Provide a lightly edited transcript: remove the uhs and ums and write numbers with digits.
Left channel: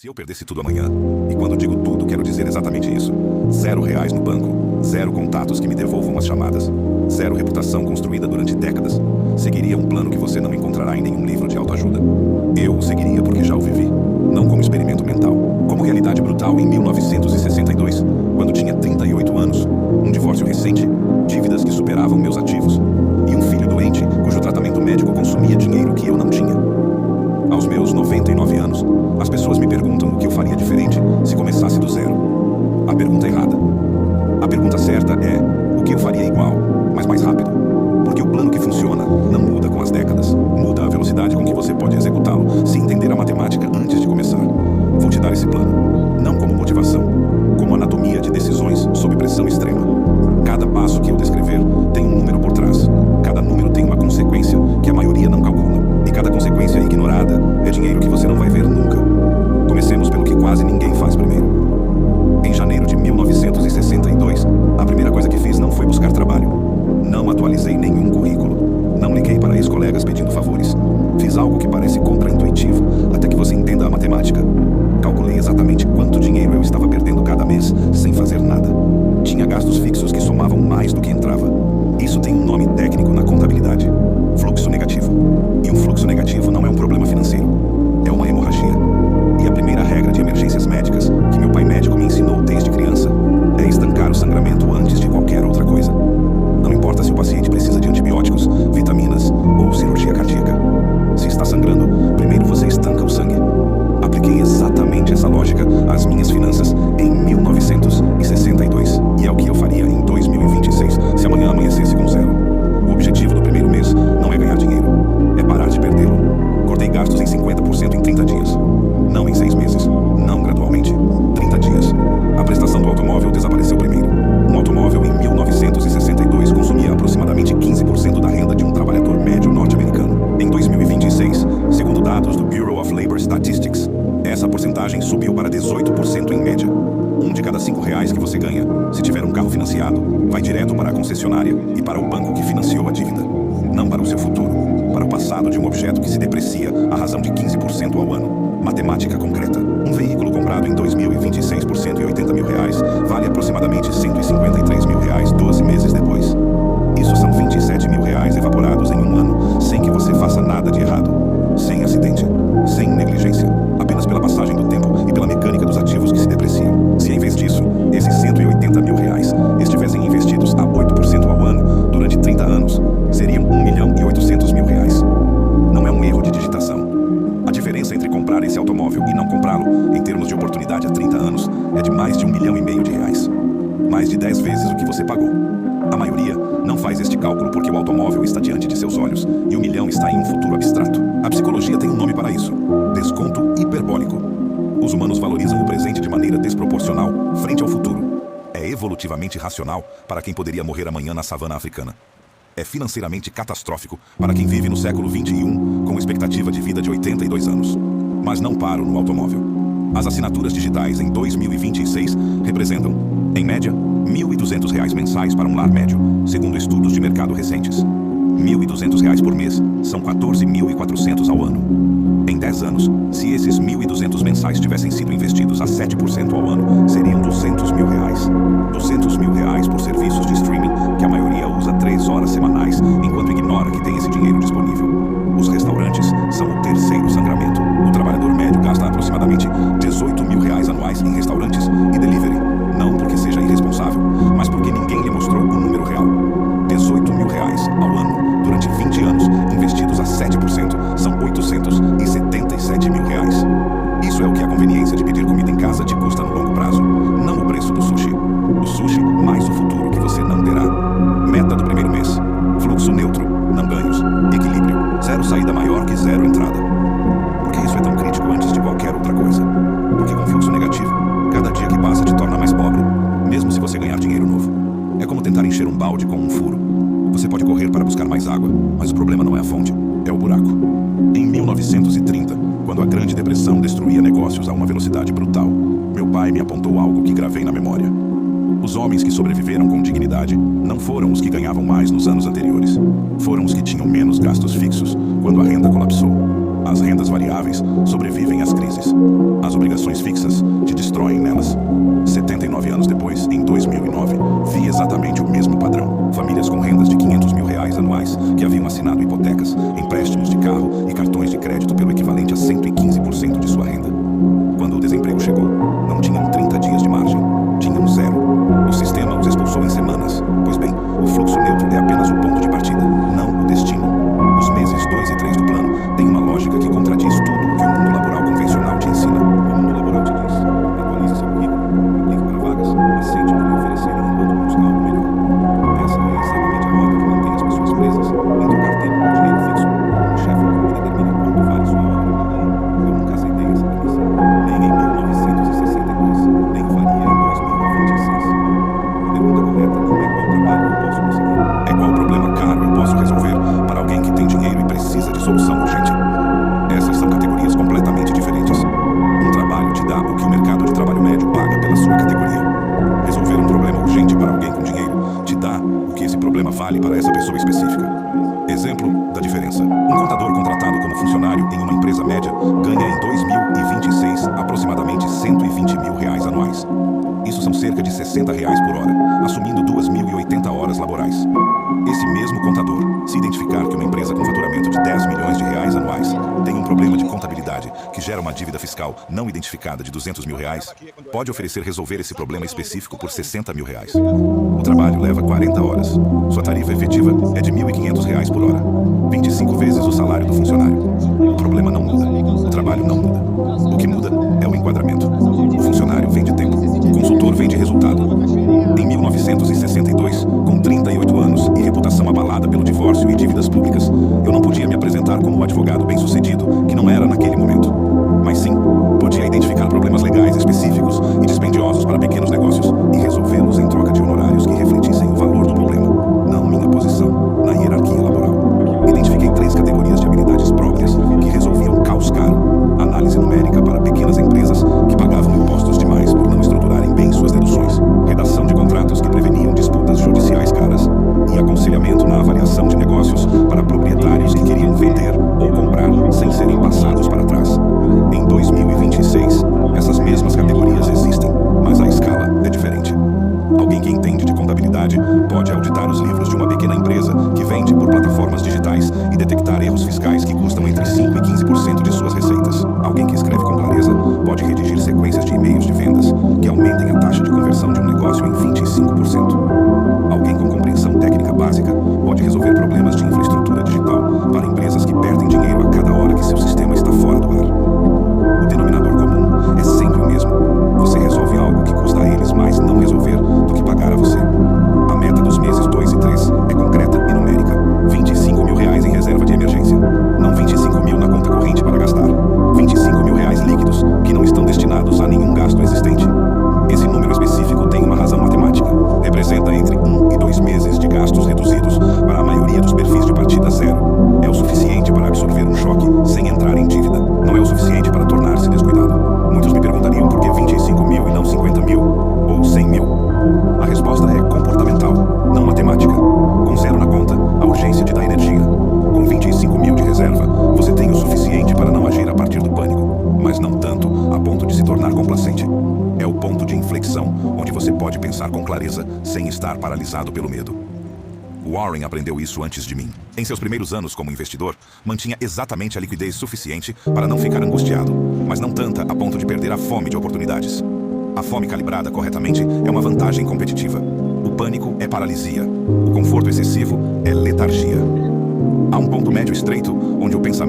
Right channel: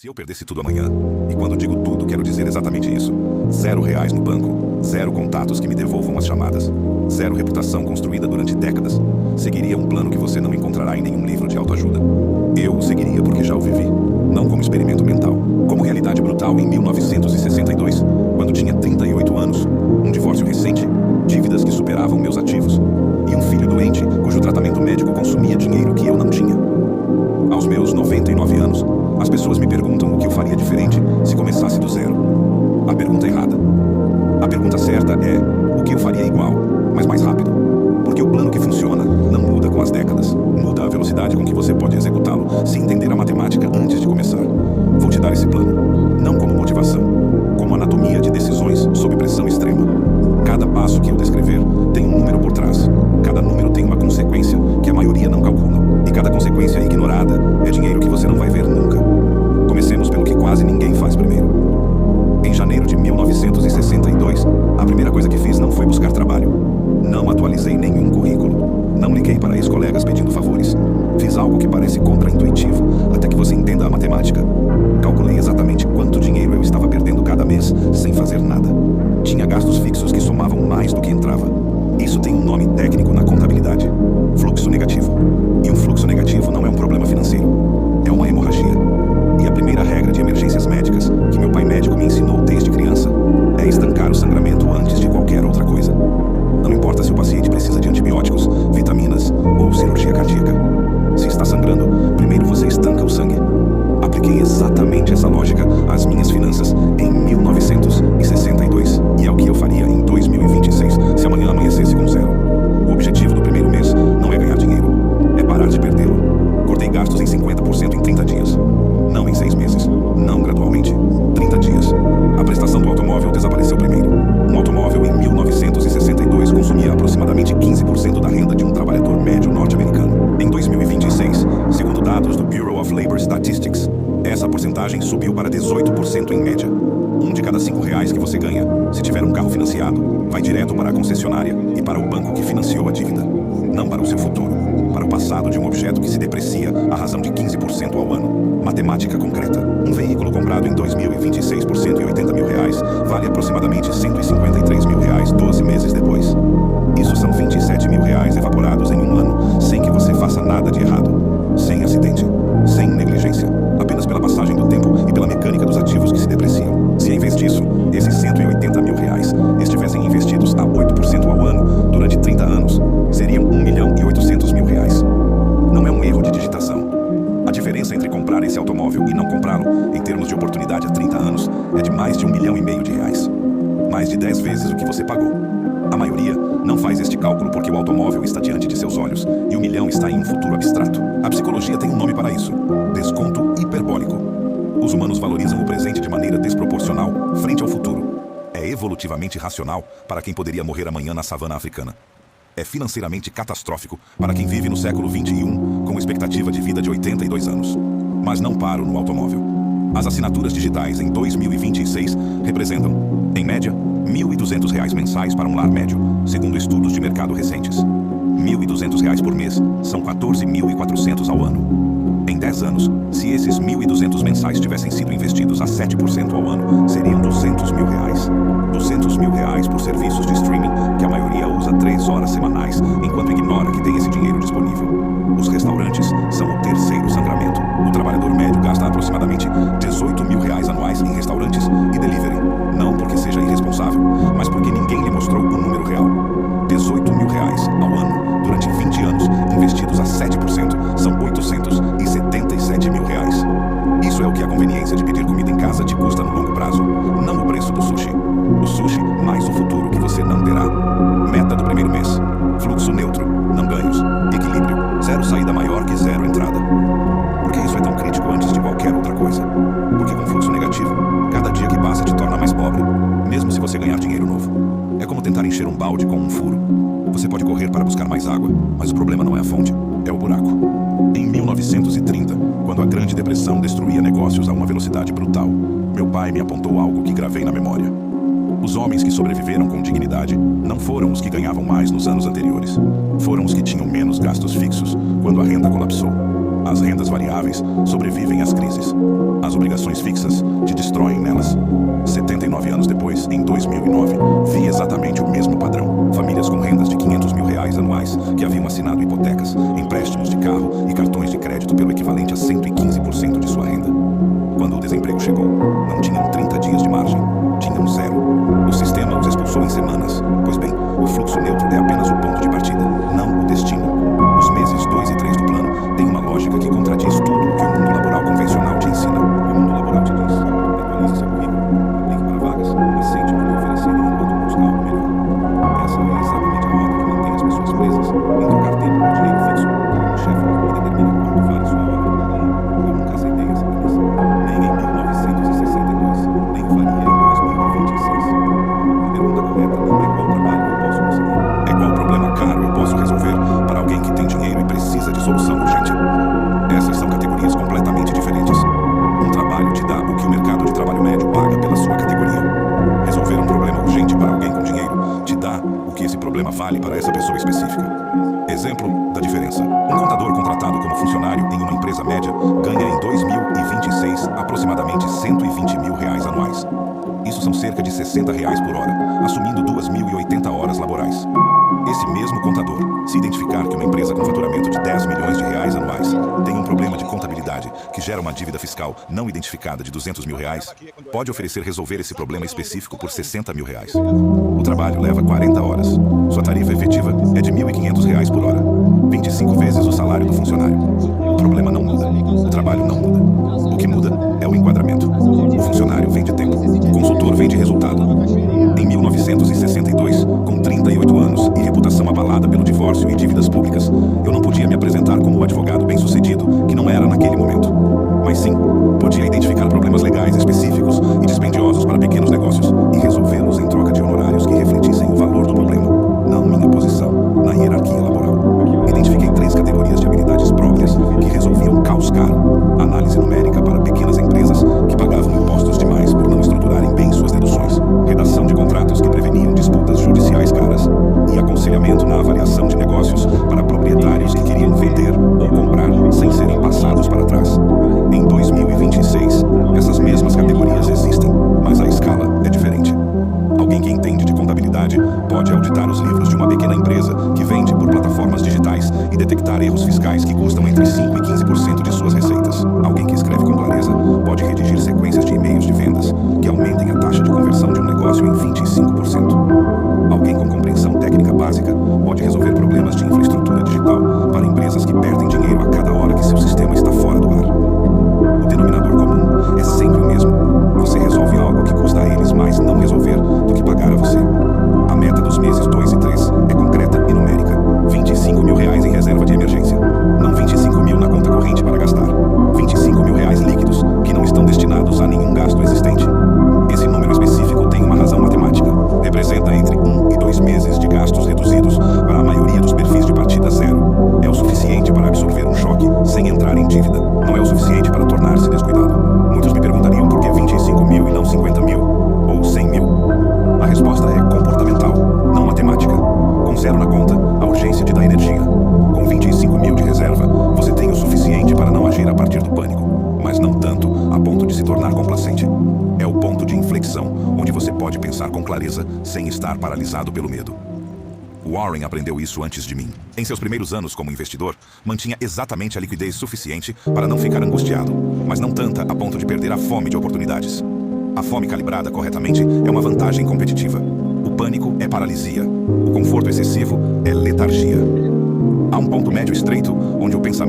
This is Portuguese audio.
Se eu perdesse tudo amanhã, e quando digo tudo, quero dizer exatamente isso: R$ 0 no banco, 0 contatos que me devolvam as chamadas, 0 reputação construída durante décadas, seguiria um plano que você não encontrará em nenhum livro de autoajuda. Eu o seguiria porque já o vivi, não como experimento mental, como realidade brutal em 1962, quando tinha 38 anos, um divórcio recente, dívidas que superavam meus ativos, e um filho doente cujo tratamento médico consumia dinheiro que eu não tinha. Aos meus 99 anos, as pessoas me perguntam o que eu faria diferente se começasse do zero. A pergunta errada. A pergunta certa é o que eu faria igual, mas mais rápido. Porque o plano que funciona não muda com as décadas. Muda a velocidade com que você pode executá-lo se entender a matemática antes de começar. Vou te dar esse plano, não como motivação, como anatomia de decisões sob pressão extrema. Cada passo que eu descrever tem um número por trás. Cada número tem uma consequência que a maioria não calcula. E cada consequência ignorada é dinheiro que você não vai ver nunca. Comecemos pelo que quase ninguém faz primeiro. Em janeiro de 1962, a primeira coisa que fiz não foi buscar trabalho. Não atualizei nenhum currículo. Não liguei para ex-colegas pedindo favores. Fiz algo que parece contraintuitivo, até que você entenda a matemática. Calculei exatamente quanto dinheiro eu estava perdendo cada mês, sem fazer nada. Tinha gastos fixos que somavam mais do que entrava. Isso tem um nome técnico na contabilidade: fluxo negativo. E um fluxo negativo não é um problema financeiro, é uma hemorragia. E a primeira regra de emergências médicas, que meu pai médico me ensinou desde criança, é estancar o sangramento antes de qualquer outra coisa. Não importa se o paciente precisa de antibióticos, vitaminas ou cirurgia cardíaca. Se está sangrando, primeiro você estanca o sangue. Apliquei exatamente essa lógica às minhas finanças em 1962. E é o que eu faria em 2026, se amanhã amanhecesse com zero. O objetivo do primeiro mês não é ganhar dinheiro, é parar de perdê-lo. Cortei gastos em 50% em 30 dias. Não em 6 meses, não gradualmente. 30 dias. A prestação do automóvel desapareceu primeiro. Um automóvel em 1962 consumia aproximadamente 15% da renda de um trabalhador médio norte-americano. Em 2026, segundo dados do Bureau of Labor Statistics, essa porcentagem subiu para 18% em média. 1 de cada 5 reais que você ganha, se tiver um carro financiado, vai direto para a concessionária e para o banco que financiou a dívida. Não para o seu futuro, para o passado de um objeto que se deprecia à razão de 15% ao ano. Matemática concreta. Um veículo comprado em 2026 por R$ 180 mil vale aproximadamente R$ 153 mil 12 meses depois. Isso são R$ 27 mil evaporados em um ano, sem que você faça nada de errado. Sem acidente, sem negligência, apenas pela passagem do tempo e pela mecânica dos ativos que se depreciam. Se em vez disso, esses R$ 180 mil estivessem investidos a 8% ao ano durante 30 anos, seriam R$ 1.800.000. Não é um erro de digitação. A diferença entre comprar esse automóvel e não comprá-lo, em termos de oportunidade há 30 anos, é de mais de R$ 1,5 milhão. Mais de 10 vezes o que você pagou. A maioria não faz este cálculo porque o automóvel está diante de seus olhos e o milhão está em um futuro abstrato. A psicologia tem um nome para isso: desconto hiperbólico. Os humanos valorizam o presente de maneira desproporcional frente ao futuro. É evolutivamente racional para quem poderia morrer amanhã na savana africana. É financeiramente catastrófico para quem vive no século XXI com expectativa de vida de 82 anos. Mas não paro no automóvel. As assinaturas digitais em 2026 representam, em média, R$ 1.200 mensais para um lar médio, segundo estudos de mercado recentes. R$ 1.200 por mês são 14.400 ao ano. Em 10 anos, se esses 1.200 mensais tivessem sido investidos a 7% ao ano, seriam R$ 200 mil. R$ 200 mil por serviços de streaming, que a maioria usa 3 horas semanais, enquanto ignora que tem esse dinheiro disponível. Os restaurantes são o terceiro sangramento. O trabalhador médio gasta aproximadamente R$ 18 mil anuais em restaurantes e delivery. Não porque seja irresponsável, mas porque ninguém lhe mostrou o número real. R$ 18 mil ao ano, durante 20 anos, investidos a 7%, são R$ 877 mil. Isso é o que a conveniência de pedir comida em casa te custa no longo prazo, não o preço do sushi. O sushi mais o futuro que você não terá. Meta do primeiro mês: fluxo neutro, não ganhos. Equilíbrio: 0 saída maior que 0 entrada. Por que isso é tão crítico antes de qualquer outra coisa? Porque com fluxo negativo, cada dia que passa te torna mais pobre, mesmo se você ganhar dinheiro novo. É como tentar encher um balde com um furo. Você pode correr para buscar mais água, mas o problema não é a fonte, é o buraco. Em 1930, quando a Grande Depressão destruía negócios a uma velocidade brutal, meu pai me apontou algo que gravei na memória. Os homens que sobreviveram com dignidade não foram os que ganhavam mais nos anos anteriores. Foram os que tinham menos gastos fixos quando a renda colapsou. As rendas variáveis sobrevivem às crises. As obrigações fixas te destroem nelas. 79 anos depois, em 2009, vi exatamente o mesmo padrão. Famílias com rendas de R$500 mil anuais que haviam assinado hipotecas, empréstimos de carro e cartões de crédito pelo equivalente a 115% de sua renda. Quando o desemprego chegou, não tinham 30 dias de margem, tinham 0. O sistema os expulsou em semanas. Pois bem, o fluxo neutro é apenas o ponto de partida, não o destino. Os meses 2 e 3 do plano têm uma lógica que contradiz tudo o que o mundo laboral convencional te ensina. O mundo laboral te diz: atualize seu currículo, aplique para vagas, aceite o que lhe oferecerem enquanto busca algo melhor. Essa é exatamente a rota que mantém as pessoas presas em trocar tempo por dinheiro fixo, com um chefe que determina quanto vale sua hora. Eu nunca aceitei essa premissa, nem em 1962, nem o faria em 2026. A pergunta correta não é qual trabalho eu posso conseguir, é qual problema caro eu posso resolver para alguém que tem dinheiro e precisa de solução urgente. Essas são categorias completamente diferentes. Um trabalho te dá o que o mercado de trabalho médio paga pela sua categoria. Resolver um problema urgente para alguém com dinheiro te dá o que esse problema vale para essa pessoa específica. Exemplo da diferença. Um contador contratado como funcionário em uma empresa média ganha em 2026 aproximadamente R$120 mil anuais. Isso são cerca de R$60 por hora, assumindo 2.080 horas laborais. Esse mesmo contador, se identificar que uma empresa com faturamento de R$10 milhões anuais tem um problema de contabilidade que gera uma dívida fiscal não identificada de R$200 mil, pode oferecer resolver esse problema específico por R$60 mil. O trabalho leva 40 horas. Sua tarifa efetiva é de R$1.500 por hora, 25 vezes o salário do funcionário. O problema não muda, o trabalho não muda. O que muda é o enquadramento. O funcionário vende tempo, o consultor vende resultado. Em 1962, com 38 anos e reputação abalada pelo divórcio e dívidas públicas, eu não podia me apresentar como o advogado bem-sucedido que não era naquele momento. Mas sim, podia identificar problemas legais específicos e dispendiosos para pequenos negócios e resolvê-los em troca de honorários que refletissem o valor do problema, não minha posição na hierarquia laboral. Identifiquei 3 categorias de habilidades próprias que resolviam caos caro. Análise numérica para pequenas empresas que pagavam impostos demais por não estruturarem bem suas deduções. Redação de contratos que preveniam disputas judiciais caras. E aconselhamento na avaliação de negócios para proprietários que queriam vender ou comprar sem serem passados para trás. Em 2026, essas mesmas categorias existem, mas a escala é diferente. Alguém que entende de contabilidade pode auditar os livros de uma pequena empresa que vende por plataformas digitais e detectar erros fiscais que custam entre 5% e 15% de suas receitas. Alguém que escreve com clareza pode redigir sequências de e-mails de vendas que aumentem a taxa de conversão de um negócio em 25%. Alguém com compreensão técnica básica pode resolver problemas de infraestrutura digital para empresas que perdem dinheiro a cada hora que seu sistema está fora do ar. O denominador comum é sempre o mesmo. Você resolve algo que custa a eles mais não resolver do que pagar a você. A meta dos meses 2 e 3 é concreta e numérica. R$25 mil em reserva de emergência. Não 25 mil na conta corrente para gastar. R$25 mil líquidos que não estão destinados a nenhum gasto existente. Esse número específico tem uma razão matemática. Representa entre 1 e 2 meses de gastos reduzidos para a maioria dos perfis de partida zero. É o suficiente para absorver um choque sem entrar em dívida. Não é o suficiente para tornar-se descuidado. Muitos me perguntariam por que 25 mil e não 50 mil ou 100 mil. A resposta é comportamental, não matemática. Com 0 na conta, a urgência te dá energia. Com 25 mil de reserva, você tem o suficiente para não agir a partir do pânico, mas não tanto a ponto de se tornar complacente. É o ponto de inflexão onde você pode pensar com clareza sem estar paralisado pelo medo. Warren aprendeu isso antes de mim. Em seus primeiros anos como investidor, mantinha exatamente a liquidez suficiente para não ficar angustiado, mas não tanta a ponto de perder a fome de oportunidades. A fome calibrada corretamente é uma vantagem competitiva. O pânico é paralisia. O conforto excessivo é letargia. Há um ponto médio estreito onde o pensamento